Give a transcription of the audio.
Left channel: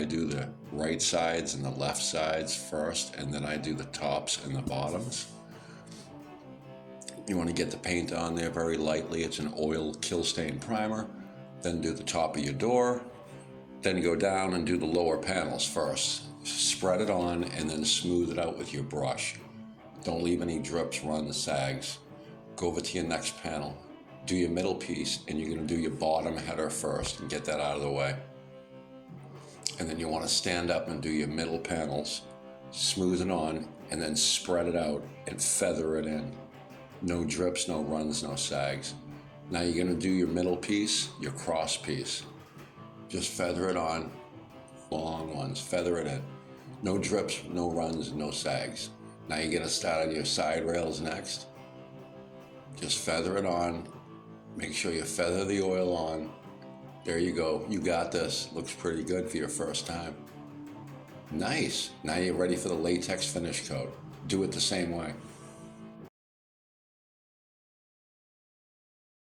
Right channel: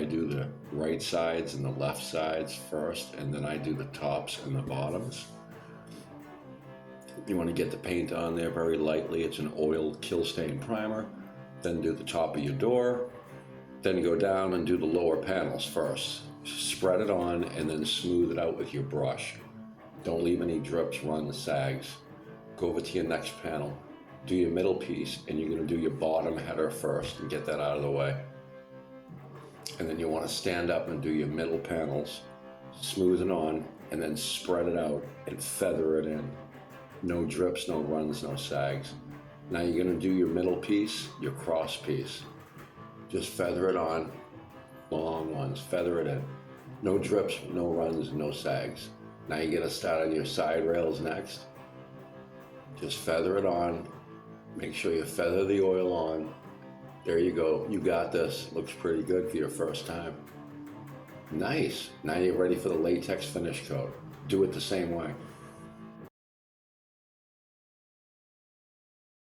I do the right sides and the left sides first, and then I do the tops and the bottoms. You want to get the paint on there very lightly. It's an oil kill stain primer. Then do the top of your door. Then you go down and do the lower panels first. Spread it on and then smooth it out with your brush. Don't leave any drips, runs, sags. Go over to your next panel. Do your middle piece, and you're going to do your bottom header first and get that out of the way. And then you want to stand up and do your middle panels, smooth it on, and then spread it out and feather it in. No drips, no runs, no sags. Now you're going to do your middle piece, your cross piece. Just feather it on, long ones, feather it in. No drips, no runs, no sags. Now you're going to start on your side rails next. Just feather it on. Make sure you feather the oil on. There you go. You got this. Looks pretty good for your first time. Nice. Now you're ready for the latex finish coat. Do it the same way.